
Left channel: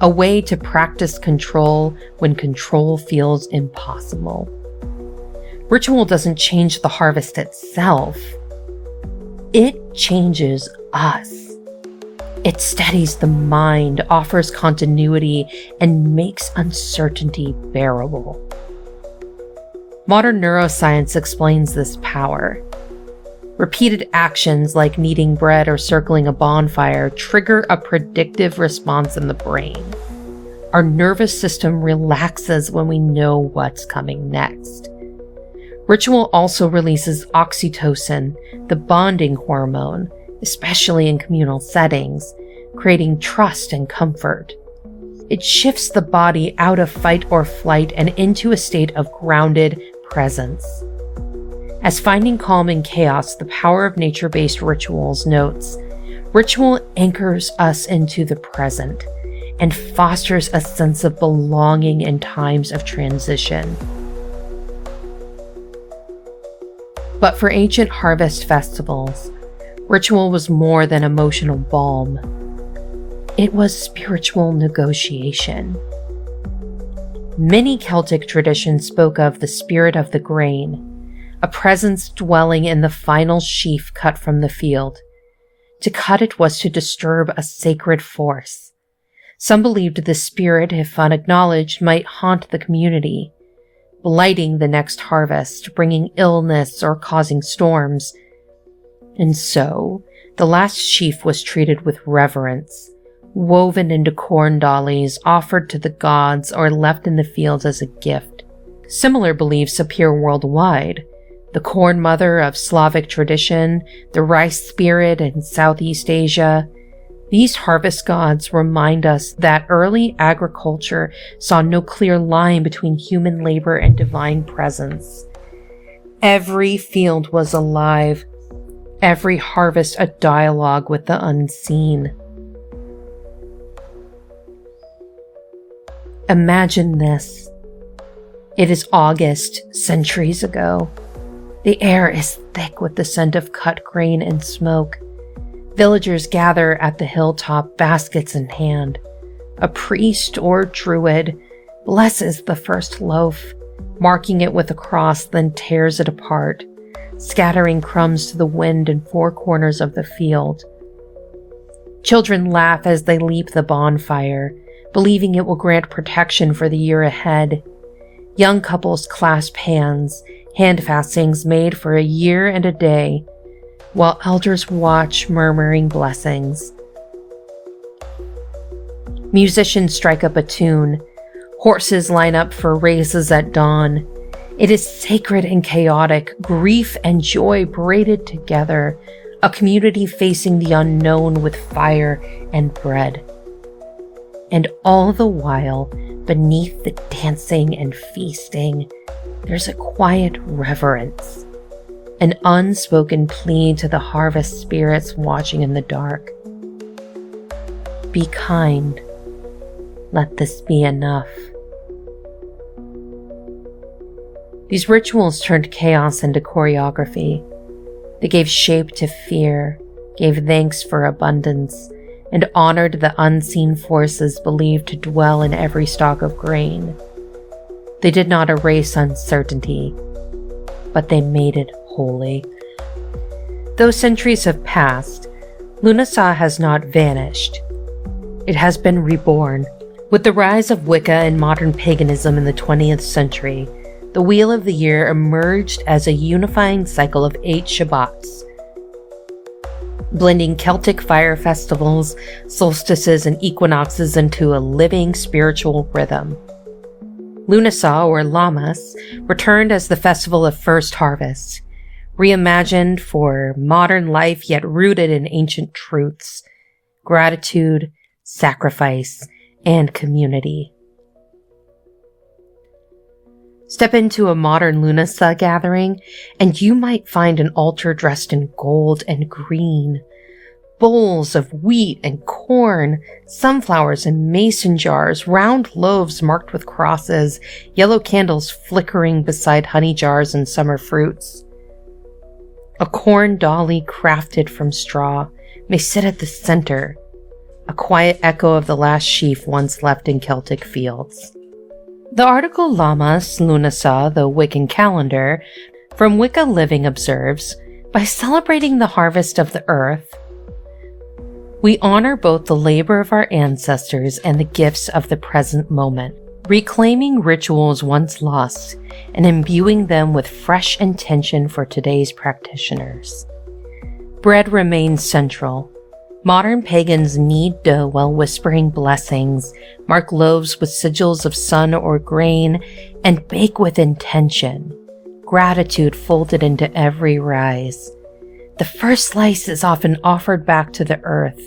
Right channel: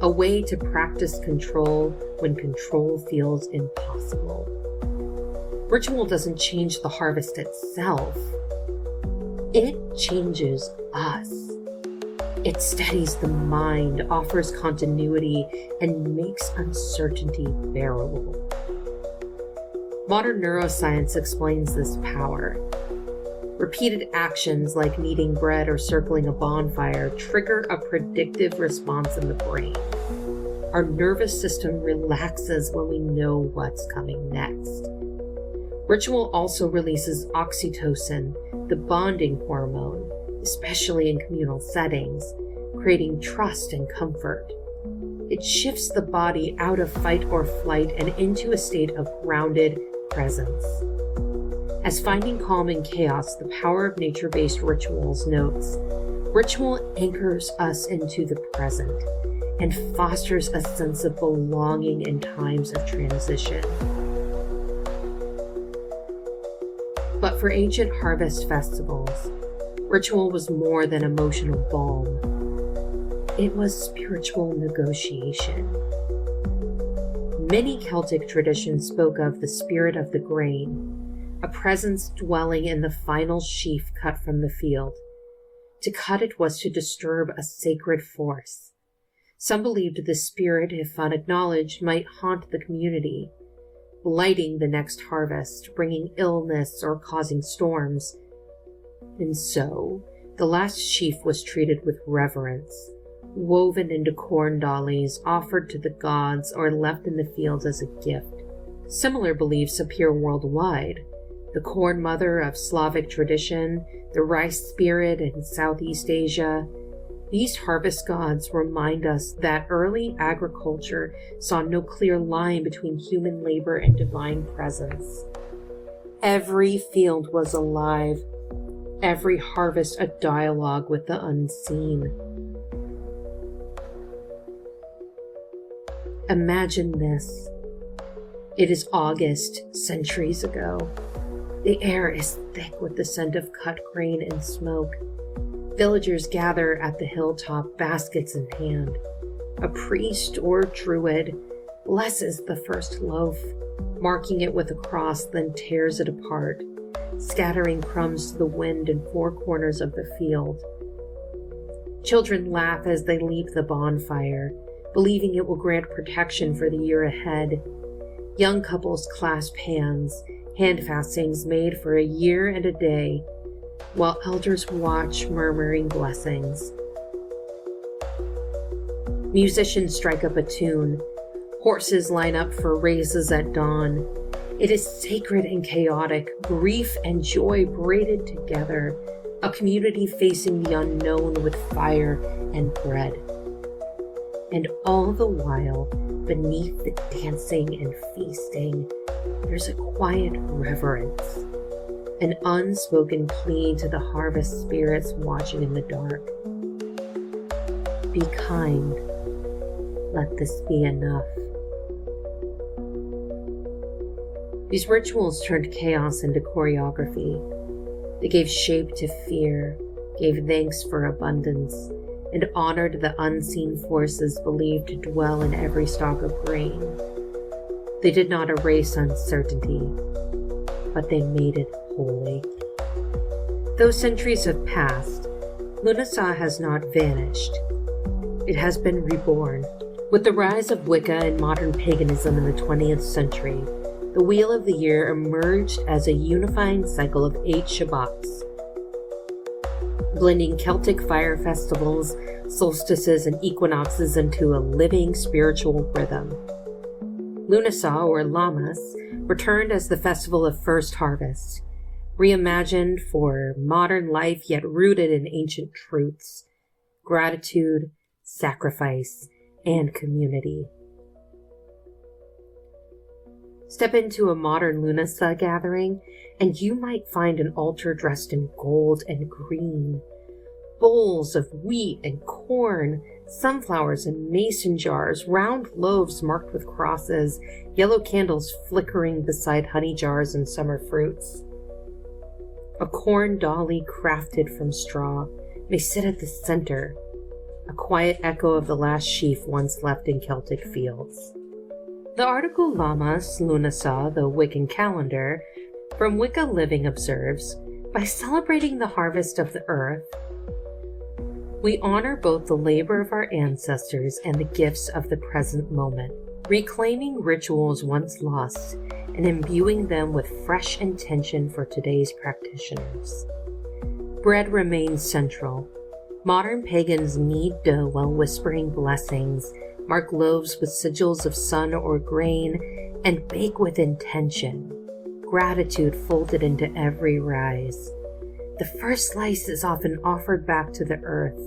A way to practice control when control feels impossible. Ritual doesn't change the harvest itself. It changes us. It steadies the mind, offers continuity, and makes uncertainty bearable. Modern neuroscience explains this power. Repeated actions like kneading bread or circling a bonfire trigger a predictive response in the brain. Our nervous system relaxes when we know what's coming next. Ritual also releases oxytocin, the bonding hormone, especially in communal settings, creating trust and comfort. It shifts the body out of fight or flight and into a state of grounded presence. As Finding Calm in Chaos, the Power of Nature-Based Rituals notes, ritual anchors us into the present and fosters a sense of belonging in times of transition. But for ancient harvest festivals, ritual was more than emotional balm. It was spiritual negotiation. Many Celtic traditions spoke of the spirit of the grain, a presence dwelling in the final sheaf cut from the field. To cut it was to disturb a sacred force. Some believed the spirit, if unacknowledged, might haunt the community, blighting the next harvest, bringing illness or causing storms. And so, the last sheaf was treated with reverence, woven into corn dollies, offered to the gods, or left in the fields as a gift. Similar beliefs appear worldwide. The corn mother of Slavic tradition, the rice spirit in Southeast Asia. These harvest gods remind us that early agriculture saw no clear line between human labor and divine presence. Every field was alive, every harvest a dialogue with the unseen. Imagine this. It is August, centuries ago. The air is thick with the scent of cut grain and smoke. Villagers gather at the hilltop, baskets in hand. A priest or druid blesses the first loaf, marking it with a cross, then tears it apart, scattering crumbs to the wind in four corners of the field. Children laugh as they leap the bonfire, believing it will grant protection for the year ahead. Young couples clasp hands, handfastings made for a year and a day, while elders watch, murmuring blessings. Musicians strike up a tune. Horses line up for races at dawn. It is sacred and chaotic, grief and joy braided together, a community facing the unknown with fire and bread. And all the while, beneath the dancing and feasting, there's a quiet reverence, an unspoken plea to the harvest spirits watching in the dark. Be kind. Let this be enough. These rituals turned chaos into choreography. They gave shape to fear, gave thanks for abundance, and honored the unseen forces believed to dwell in every stalk of grain. They did not erase uncertainty, but they made it holy. Though centuries have passed, Lughnasadh has not vanished. It has been reborn. With the rise of Wicca and modern paganism in the 20th century, the Wheel of the Year emerged as a unifying cycle of 8 Shabbats, blending Celtic fire festivals, solstices, and equinoxes into a living spiritual rhythm. Lughnasadh, or Lammas, returned as the festival of first harvest, reimagined for modern life yet rooted in ancient truths, gratitude, sacrifice, and community. Step into a modern Lughnasadh gathering, and you might find an altar dressed in gold and green, bowls of wheat and corn, sunflowers in mason jars, round loaves marked with crosses, yellow candles flickering beside honey jars and summer fruits. A corn dolly crafted from straw may sit at the center, a quiet echo of the last sheaf once left in Celtic fields. The article Lammas, Lughnasadh, the Wiccan calendar, from Wicca Living observes, by celebrating the harvest of the earth, we honor both the labor of our ancestors and the gifts of the present moment, reclaiming rituals once lost and imbuing them with fresh intention for today's practitioners. Bread remains central. Modern pagans knead dough while whispering blessings, mark loaves with sigils of sun or grain, and bake with intention, gratitude folded into every rise. The first slice is often offered back to the earth,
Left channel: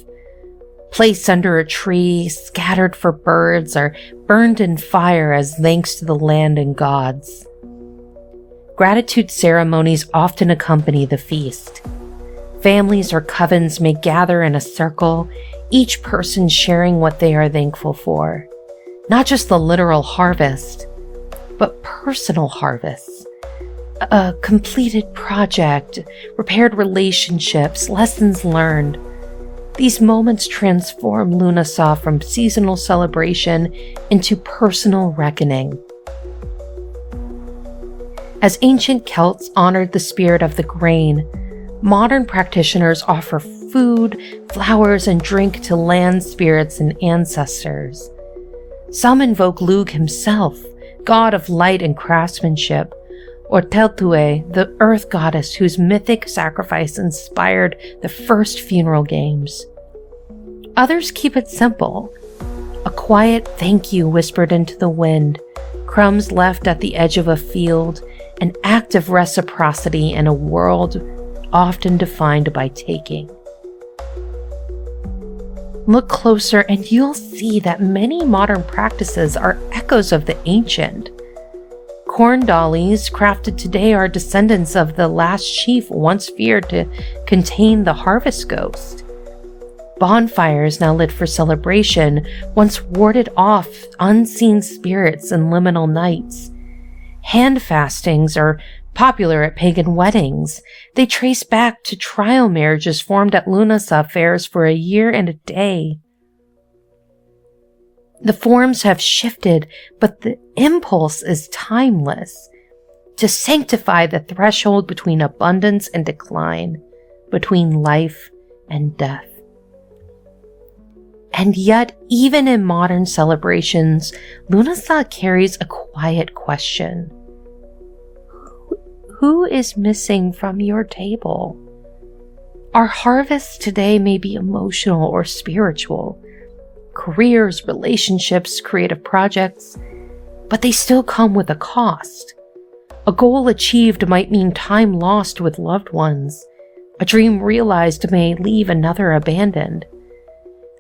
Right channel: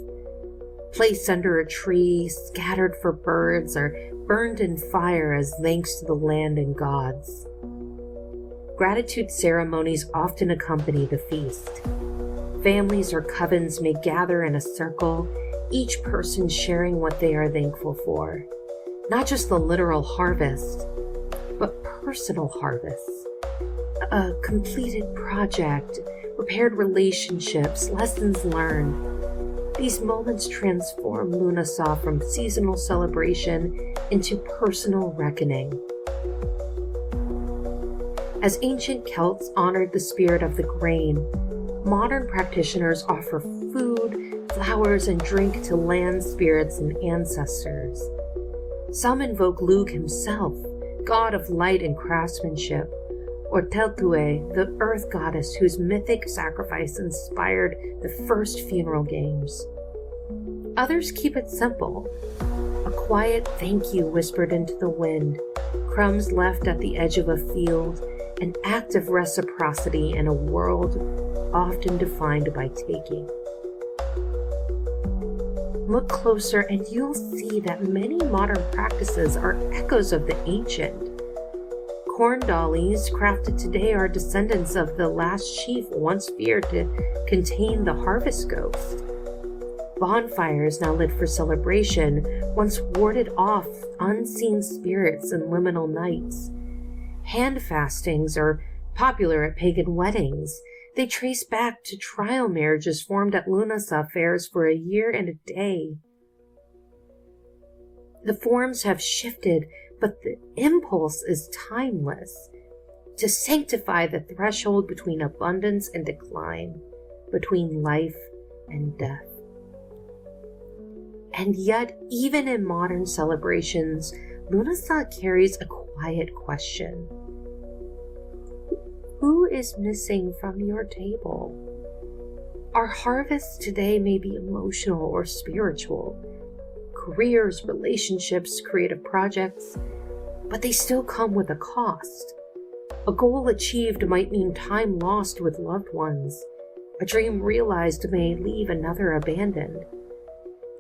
placed under a tree, scattered for birds, or burned in fire as thanks to the land and gods. Gratitude ceremonies often accompany the feast. Families or covens may gather in a circle, each person sharing what they are thankful for. Not just the literal harvest, but personal harvests. A completed project, repaired relationships, lessons learned. These moments transform Lughnasadh from seasonal celebration into personal reckoning. As ancient Celts honored the spirit of the grain, modern practitioners offer food, flowers, and drink to land spirits and ancestors. Some invoke Lugh himself, god of light and craftsmanship, or Tailtiu, the earth goddess whose mythic sacrifice inspired the first funeral games. Others keep it simple, a quiet thank you whispered into the wind, crumbs left at the edge of a field, an act of reciprocity in a world often defined by taking. Look closer and you'll see that many modern practices are echoes of the ancient. Corn dollies crafted today are descendants of the last sheaf once feared to contain the harvest ghost. Bonfires now lit for celebration once warded off unseen spirits in liminal nights. Hand fastings are popular at pagan weddings. They trace back to trial marriages formed at Lughnasadh fairs for a year and a day. The forms have shifted, but the impulse is timeless. To sanctify the threshold between abundance and decline, between life and death. And yet, even in modern celebrations, Lughnasadh carries a quiet question. Who is missing from your table? Our harvests today may be emotional or spiritual, careers, relationships, creative projects, but they still come with a cost. A goal achieved might mean time lost with loved ones. A dream realized may leave another abandoned.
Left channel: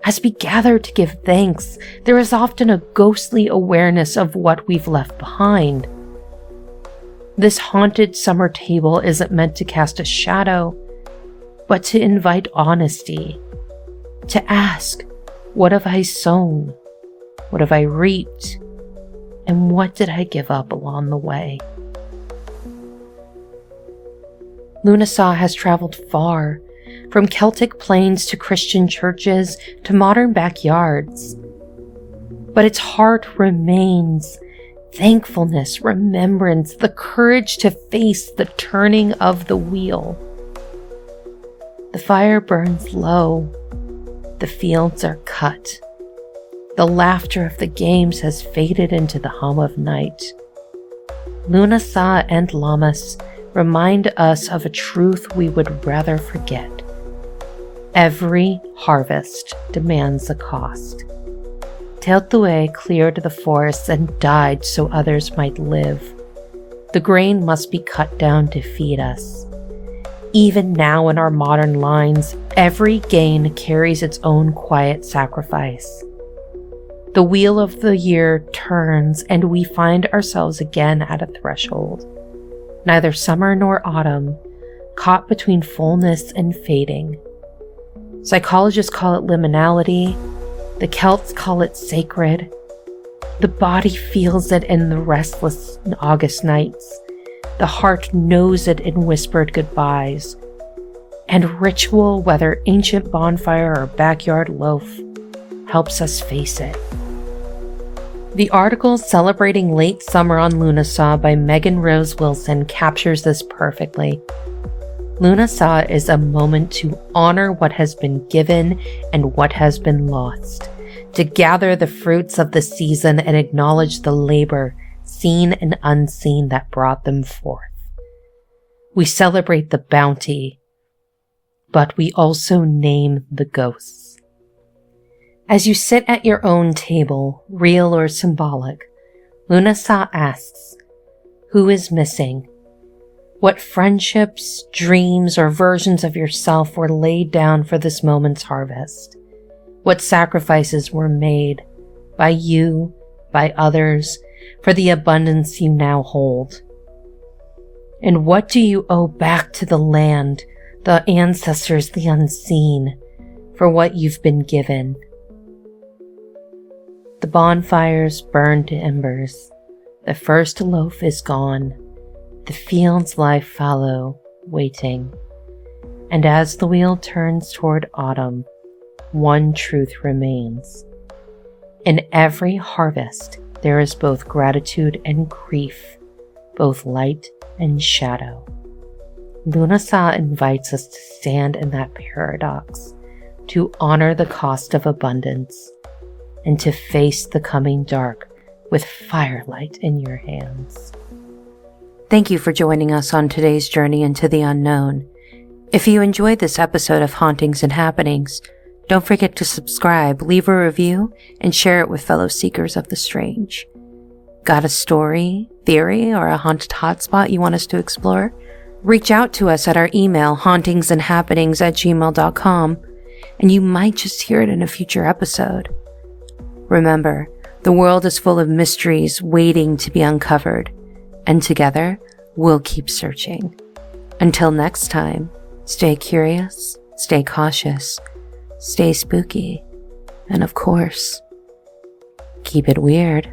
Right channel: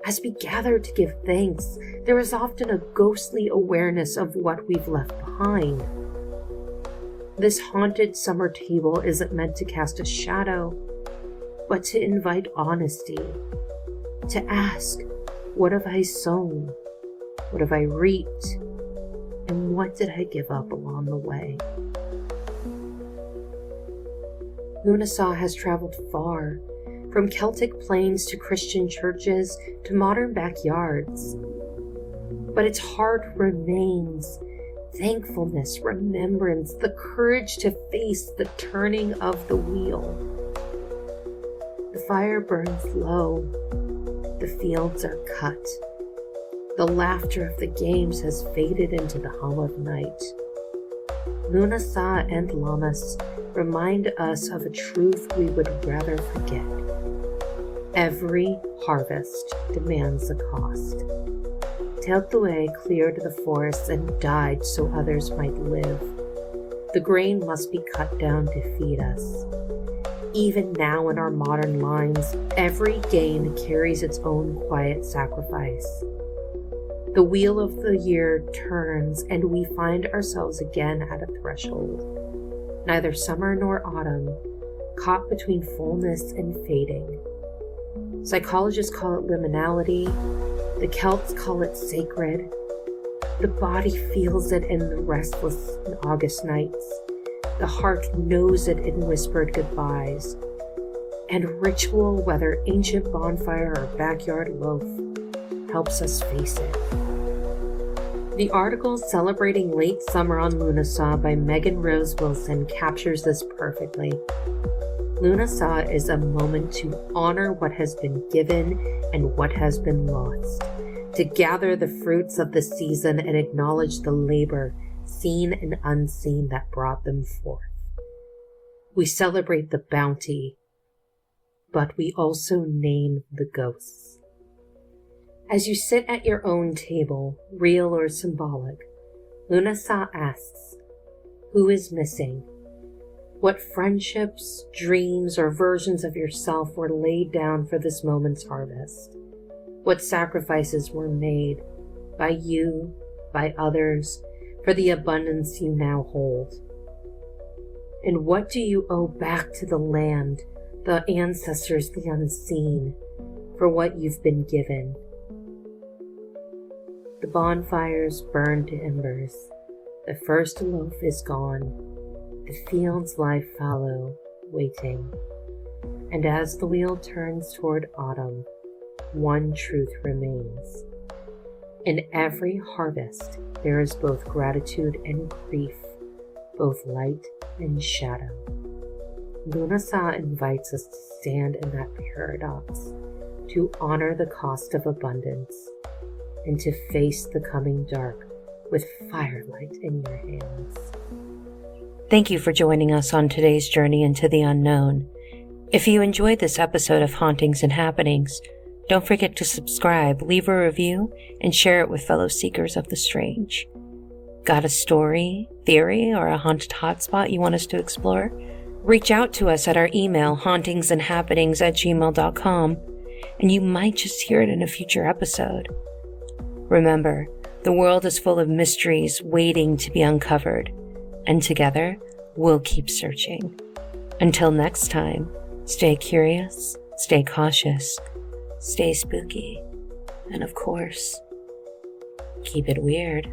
As we gather to give thanks, there is often a ghostly awareness of what we've left behind. This haunted summer table isn't meant to cast a shadow, but to invite honesty, to ask, what have I sown? What have I reaped? And what did I give up along the way? Lughnasadh has traveled far, from Celtic plains to Christian churches to modern backyards. But its heart remains thankfulness, remembrance, the courage to face the turning of the wheel. The fire burns low. The fields are cut. The laughter of the games has faded into the hum of night. Lughnasadh and Lammas remind us of a truth we would rather forget. Every harvest demands a cost. Tailtiu cleared the forests and died so others might live. The grain must be cut down to feed us. Even now in our modern lines, every gain carries its own quiet sacrifice. The wheel of the year turns and we find ourselves again at a threshold. Neither summer nor autumn, caught between fullness and fading. Psychologists call it liminality. The Celts call it sacred. The body feels it in the restless August nights. The heart knows it in whispered goodbyes. And ritual, whether ancient bonfire or backyard loaf, helps us face it. The article celebrating late summer on Lughnasadh by Megan Rose Wilson captures this perfectly. Lughnasadh is a moment to honor what has been given and what has been lost, to gather the fruits of the season and acknowledge the labor, seen and unseen, that brought them forth. We celebrate the bounty, but we also name the ghosts. As you sit at your own table, real or symbolic, Lughnasadh asks, who is missing? What friendships, dreams, or versions of yourself were laid down for this moment's harvest? What sacrifices were made by you, by others, for the abundance you now hold? And what do you owe back to the land, the ancestors, the unseen, for what you've been given? The bonfires burn to embers. The first loaf is gone. The fields lie fallow, waiting. And as the wheel turns toward autumn, one truth remains. In every harvest, there is both gratitude and grief, both light and shadow. Lughnasadh invites us to stand in that paradox, to honor the cost of abundance, and to face the coming dark with firelight in your hands. Thank you for joining us on today's journey into the unknown. If you enjoyed this episode of Hauntings and Happenings, don't forget to subscribe, leave a review, and share it with fellow seekers of the strange. Got a story, theory, or a haunted hotspot you want us to explore? Reach out to us at our email, hauntingsandhappenings@gmail.com, and you might just hear it in a future episode. Remember, the world is full of mysteries waiting to be uncovered, and together, we'll keep searching. Until next time, stay curious, stay cautious, stay spooky, and of course, keep it weird.